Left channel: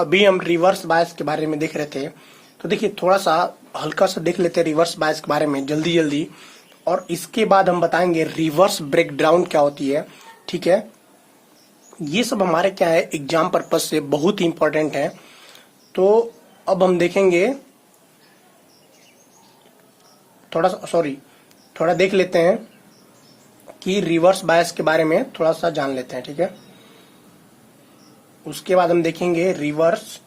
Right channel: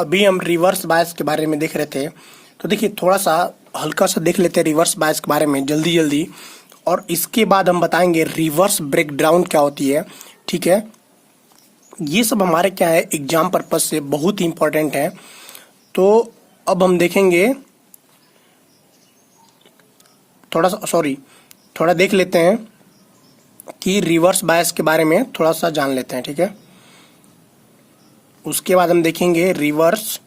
अभी हम reverse bias के बारे में देख रहे थे। तो देखिए थोड़ा सा हल्का सा देख लेते हैं रिवर्स बायस के बारे में जल्दी जल्दी, और इसके बाद हम बताएंगे रिवर्स ब्रेकडाउन क्या होती है। ठीक है, ये सब हमारे क्या है एग्जाम पर्पज से बहुत ही इंपॉर्टेंट है। तो अब हम देखेंगे थोड़ा देख लेते हैं कि रिवर्स बायस के बारे में थोड़ा सा जान लेते हैं। ठीक है, उसके बाद हम देखेंगे reverse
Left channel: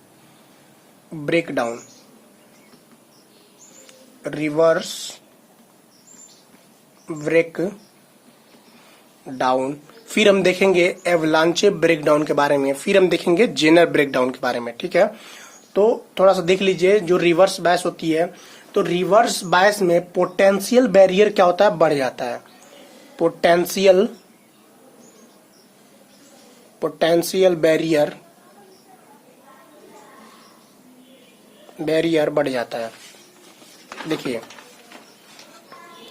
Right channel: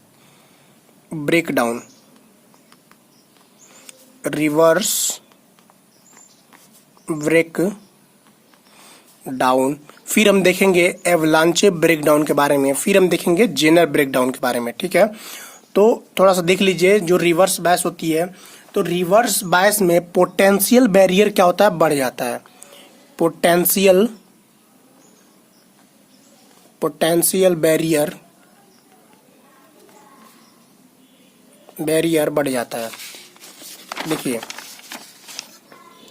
breakdown, reverse break down, फिर हम देखेंगे एवलांचे ब्रेकडाउन के बारे में, फिर हम देखेंगे जेनर ब्रेकडाउन के बारे में। ठीक है, तो थोड़ा सा देख लीजिए जो रिवर्स बायस होती है। तो रिवर्स बायस में पोटेंशियल बैरियर क्या होता है, बढ़ जाता है। पोटेंशियल बैरियर बढ़ जाता है। देखिए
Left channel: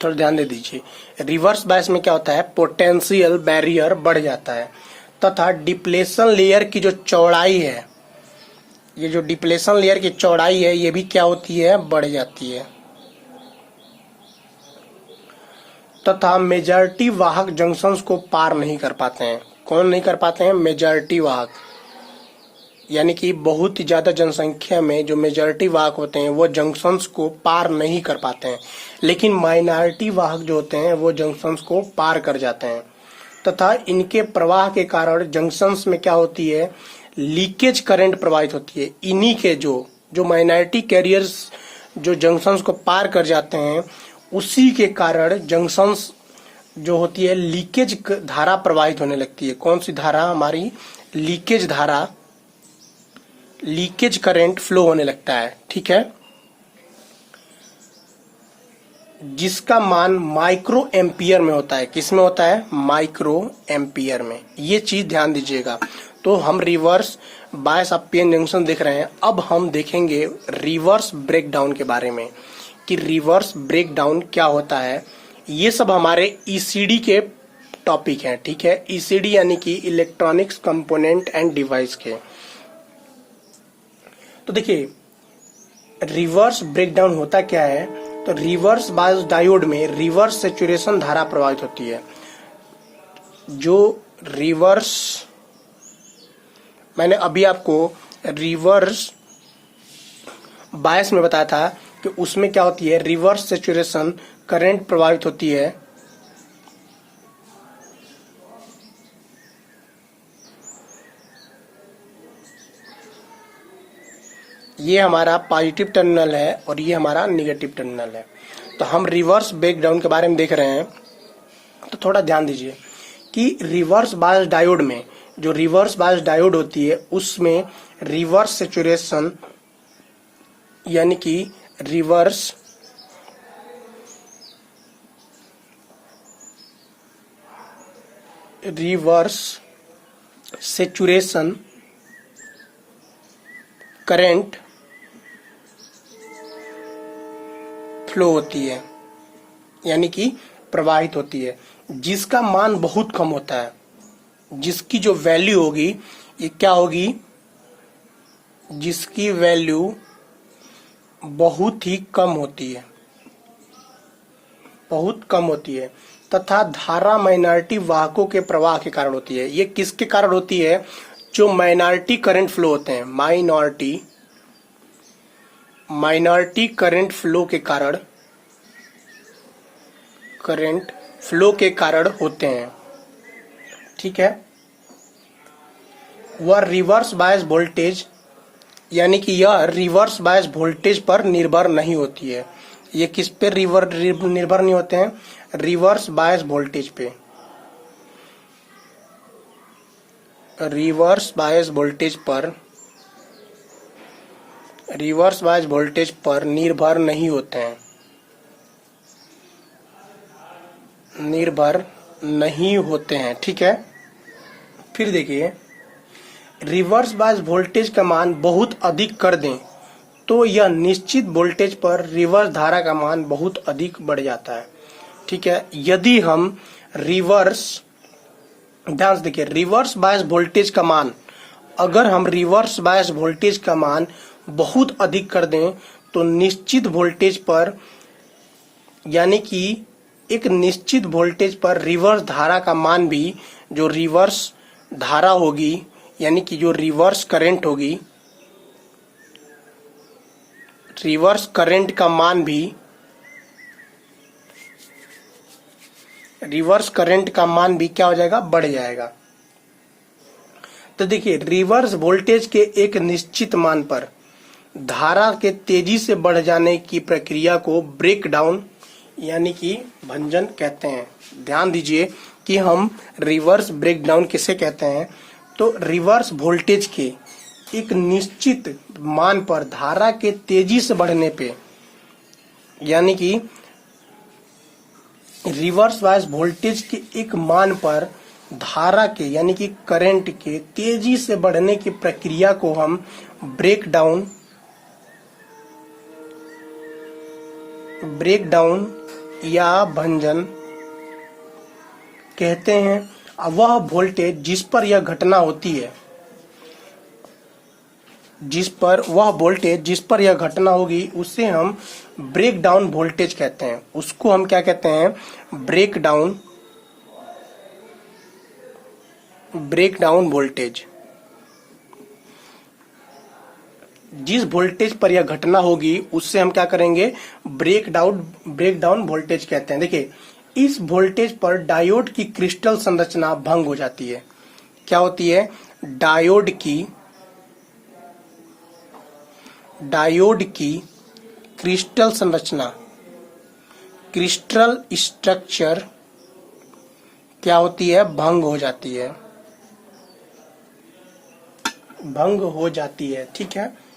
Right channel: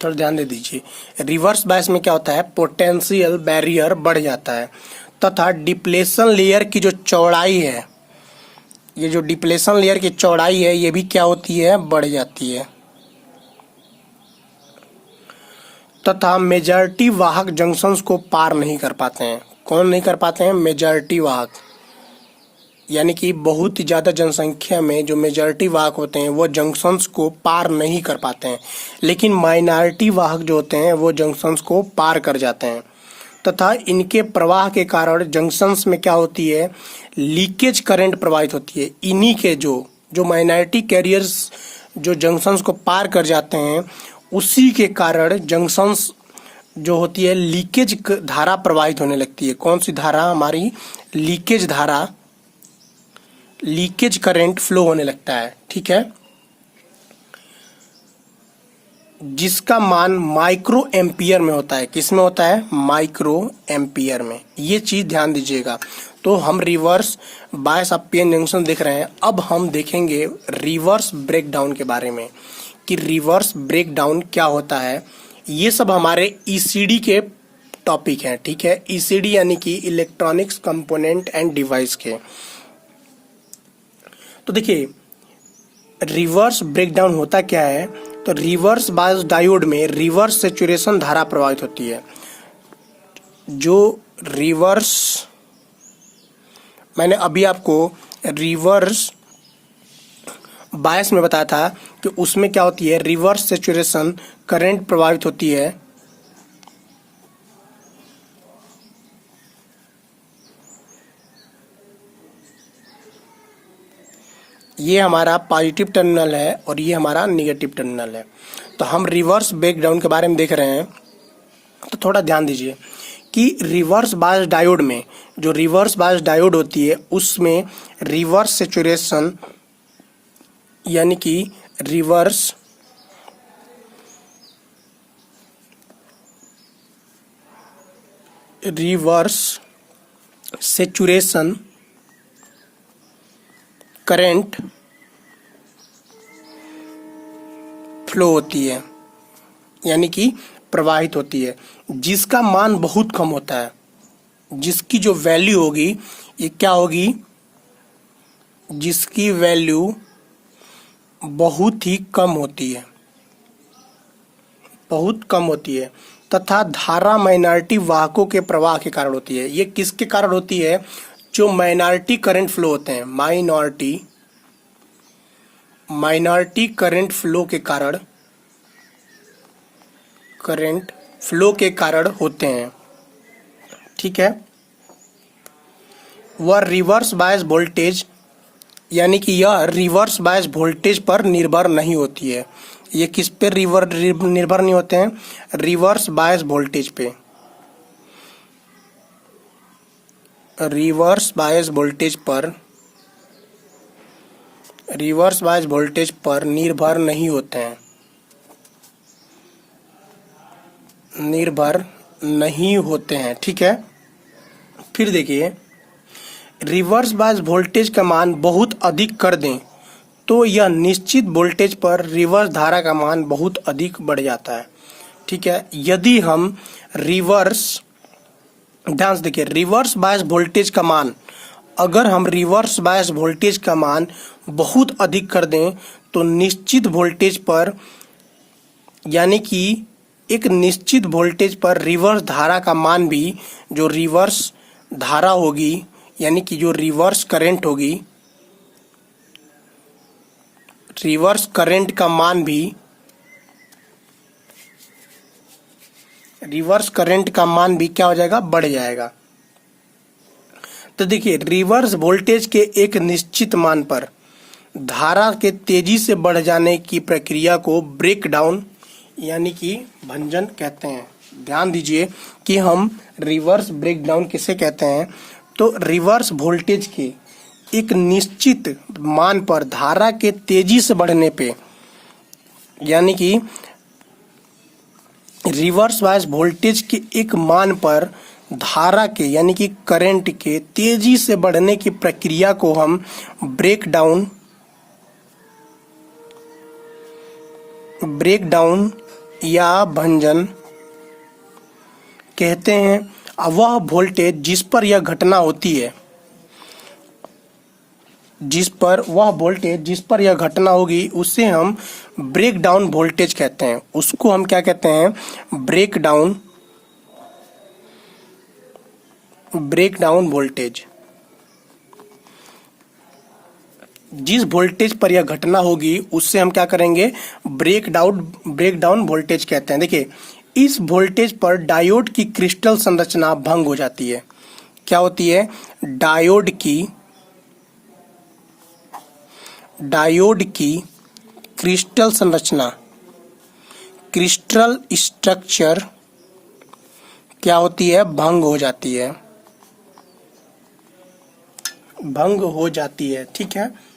थोड़ा ध्यान दे दीजिए, रिवर्स बायस में क्या होता है, पोटेंशियल बैरियर बढ़ जाता है तथा डिप्लेशन लेयर की जो चौड़ाई है, ये जो डिप्लेशन लेयर की चौड़ाई है ये भी क्या होती है, बढ़ जाती है तथा मेजॉरिटी वाहक जंक्शंस को पार नहीं कर पाते हैं। कौन नहीं कर पाते हैं, मेजॉरिटी वाहक, यानी कि बहुत ही ज्यादा जनसंख्या में जो मेजॉरिटी वाहक होते हैं वो जंक्शंस को पार नहीं कर पाते हैं, लेकिन माइनॉरिटी वाहक जो होते हैं वो जंक्शंस को पार कर जाते हैं तथा इनके प्रवाह के कारण जंक्शंस में क्या होती है, लीकेज करंट प्रवाहित होती है। इन्हीं के जो माइनॉरिटी कैरियर्स जो जंक्शंस को पार कर जाते हैं उसी के कारण जंक्शंस जो होती है लीकेज धारा प्रवाहित होने लगती है। कौन सी धारा, हमारी लीकेज धारा, लीकेज करंट फ्लो होने लगता है। ठीक है, जिसका मान माइक्रो एम्पियर में होता है। किस में होता है, माइक्रो एम्पियर में। ये चीज ध्यान दीजिएगा। तो हम reverse bias of PN junction देख रहे हैं। अब हम देखेंगे रिवर्स ब्रेकडाउन के बारे में कि रिवर्स ब्रेकडाउन क्या होता है। ये सब हमारे ईसीडी के टॉपिक हैं। ठीक है, ईसीडी यानी कि इलेक्ट्रॉनिक्स कंपोनेंट एंड डिवाइस के। तो देखिए रिवर्स ब्रेकडाउन होता क्या है, तो रिवर्स बायस डायोड में रिवर्स सैचुरेशन धारा प्रवाहित होती है। जो रिवर्स, मैंने अभी आपको रिवर्स बायस में बताया था कि उसमें क्या होती है, रिवर्स सैचुरेशन करंट प्रवाहित होती है। ये हमारा पॉजिटिव टर्मिनल है और ये हमारा निगेटिव टर्मिनल है। तो हम रिवर्स ब्रेकडाउन के बारे में देख रहे हैं। तो थोड़ा ध्यान दीजिए कि रिवर्स बायस डायोड में, जो रिवर्स बायस डायोड होती है उसमें रिवर्स सैचुरेशन यानी कि रिवर्स सैचुरेशन करंट फ्लो होती है, यानी कि प्रवाहित होती है, जिसका मान बहुत कम होता है। जिसकी जो वैल्यू होगी ये क्या होगी, जिसकी वैल्यू बहुत ही कम होती है, बहुत कम होती है तथा धारा माइनॉरिटी वाहकों के प्रवाह के कारण होती है। ये किसके कारण होती है, जो माइनॉरिटी करंट फ्लो होते हैं, माइनॉरिटी करंट फ्लो के कारण होते हैं। ठीक है, वह रिवर्स बायस वोल्टेज, यानी कि यह रिवर्स बायस वोल्टेज पर निर्भर नहीं होती है। ये किस पे निर्भर नहीं होते हैं, रिवर्स बायस वोल्टेज पे, रिवर्स बायस वोल्टेज पर निर्भर नहीं होते हैं, ठीक है। फिर देखिए रिवर्स बायस वोल्टेज का मान बहुत अधिक कर दें तो यह निश्चित वोल्टेज पर रिवर्स धारा का मान बहुत अधिक बढ़ जाता है। ठीक है, यदि हम ध्यान से देखिए रिवर्स बायस वोल्टेज का मान अगर हम रिवर्स बायस वोल्टेज का मान बहुत अधिक कर दें तो निश्चित वोल्टेज पर, यानी कि एक निश्चित वोल्टेज पर रिवर्स धारा का मान भी, जो रिवर्स धारा होगी यानी कि जो रिवर्स करंट होगी, रिवर्स करंट का मान भी, रिवर्स करंट का मान भी क्या हो जाएगा, बढ़ जाएगा। तो देखिए, रिवर्स वोल्टेज के एक निश्चित मान पर धारा के तेजी से बढ़ जाने की प्रक्रिया को ब्रेक डाउन यानी कि भंजन कहते हैं। ध्यान दीजिए कि हम रिवर्स ब्रेक डाउन किसे कहते हैं। तो रिवर्स वोल्टेज के एक निश्चित मान पर धारा के तेजी से बढ़ने पे, यानी कि रिवर्स बायस वोल्टेज के एक मान पर धारा के यानी कि करंट के तेजी से बढ़ने की प्रक्रिया को हम ब्रेक डाउन या भंजन कहते हैं। वह वोल्टेज जिस पर यह घटना होती है, जिस पर यह घटना होगी उसे हम ब्रेक डाउन वोल्टेज कहते हैं। उसको हम क्या कहते हैं, ब्रेक डाउन वोल्टेज। जिस वोल्टेज पर यह घटना होगी उससे हम क्या करेंगे, ब्रेक डाउन वोल्टेज कहते हैं। देखिए, इस वोल्टेज पर डायोड की क्रिस्टल संरचना भंग हो जाती है। क्या होती है, डायोड की क्रिस्टल संरचना, क्रिस्टल स्ट्रक्चर क्या होती है, भंग हो जाती है। ठीक है,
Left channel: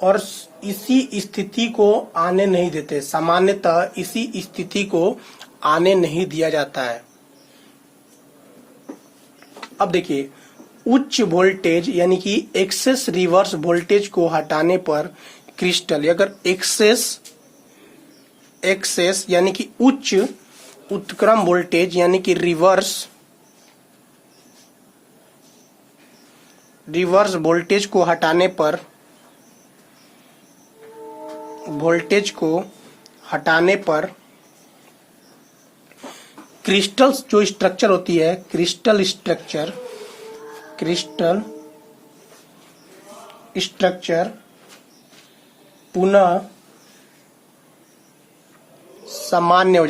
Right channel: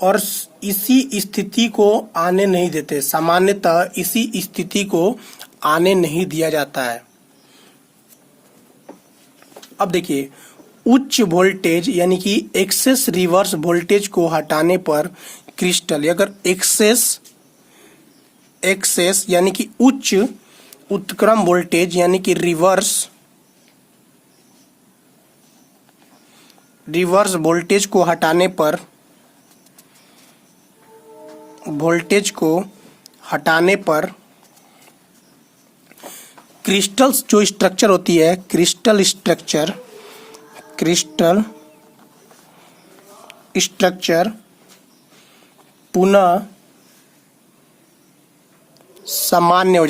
और इसी स्थिति को आने नहीं देते। सामान्यतः इसी स्थिति को आने नहीं दिया जाता है। अब देखिए, उच्च वोल्टेज यानी कि एक्सेस रिवर्स वोल्टेज को हटाने पर क्रिस्टल, अगर एक्सेस यानी कि उच्च उत्क्रम वोल्टेज यानी कि रिवर्स वोल्टेज को हटाने पर क्रिस्टल जो स्ट्रक्चर होती है, क्रिस्टल स्ट्रक्चर पुनः सामान्य हो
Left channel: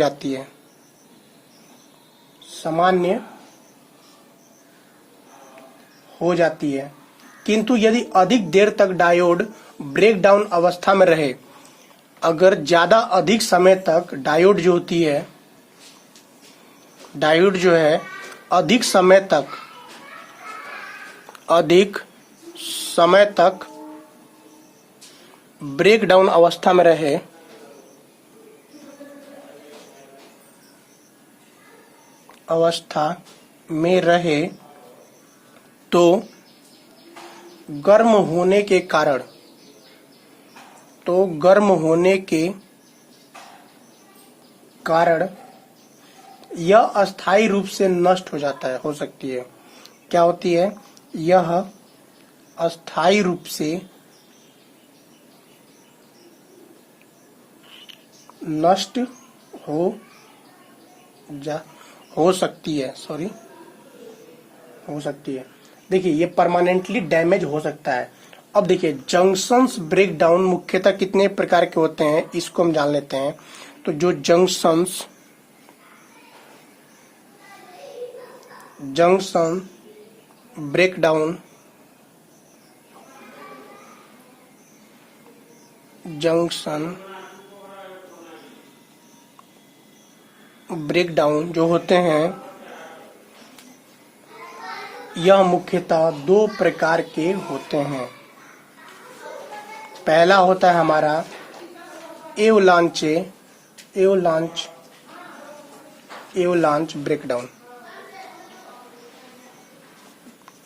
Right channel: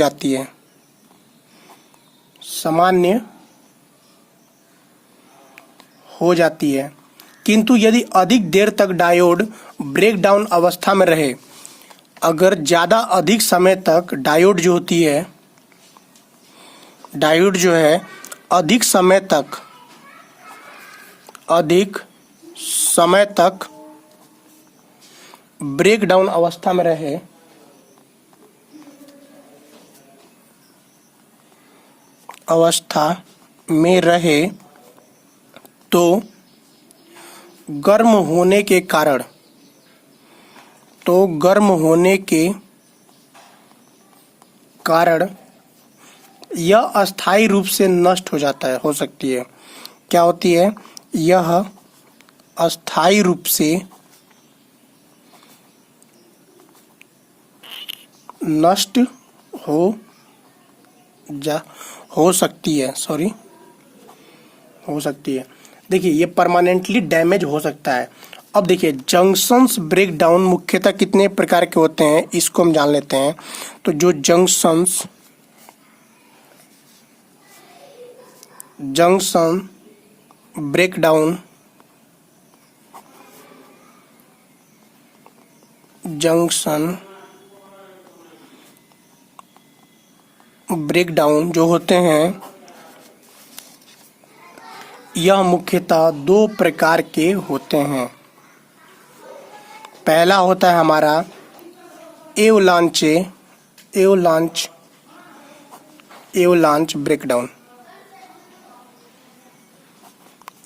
जाती है। किंतु यदि अधिक देर तक डायोड ब्रेकडाउन अवस्था में रहे, अगर ज्यादा अधिक समय तक डायोड जो है अधिक समय तक ब्रेकडाउन अवस्था में रहे तो गर्म होने के कारण यह अस्थायी रूप से नष्ट हो सकती है। क्या होती है, यह अस्थायी रूप से नष्ट हो सकती है। देखिए, ये परमानेंटली डैमेज हो सकता है। अब देखिए, जंक्शंस ब्रेकडाउन मुख्यतः कितने प्रकार के होते हैं, इसको हम जान लेते हैं। तो जो जंक्शन ब्रेकडाउन जो होते हैं, यह मुख्यतः दो प्रकार के होते हैं। पहला होता है हमारा एवलांच ब्रेकडाउन।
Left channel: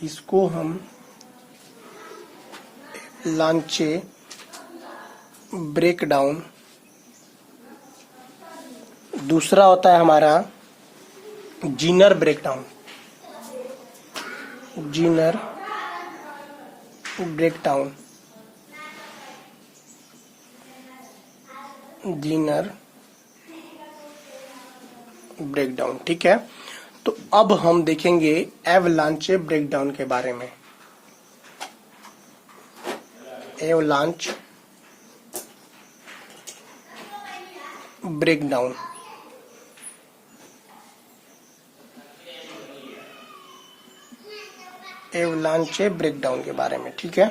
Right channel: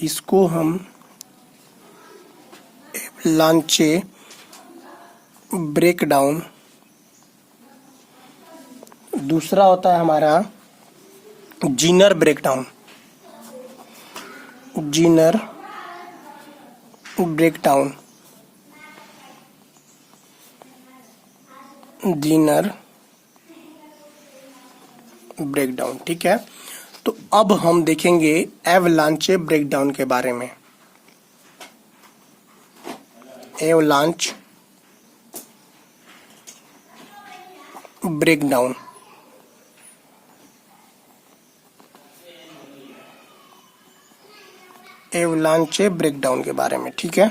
इसको हम एवलांचे ब्रेकडाउन। दूसरा होता है हमारा Zener breakdown. Zener breakdown, Zener breakdown. ठीक है, तो अब हम देखेंगे एवलांचे ब्रेकडाउन के बारे में। एवलांच ब्रेकडाउन, एवलांचे ब्रेकडाउन के बारे में। ठीक है,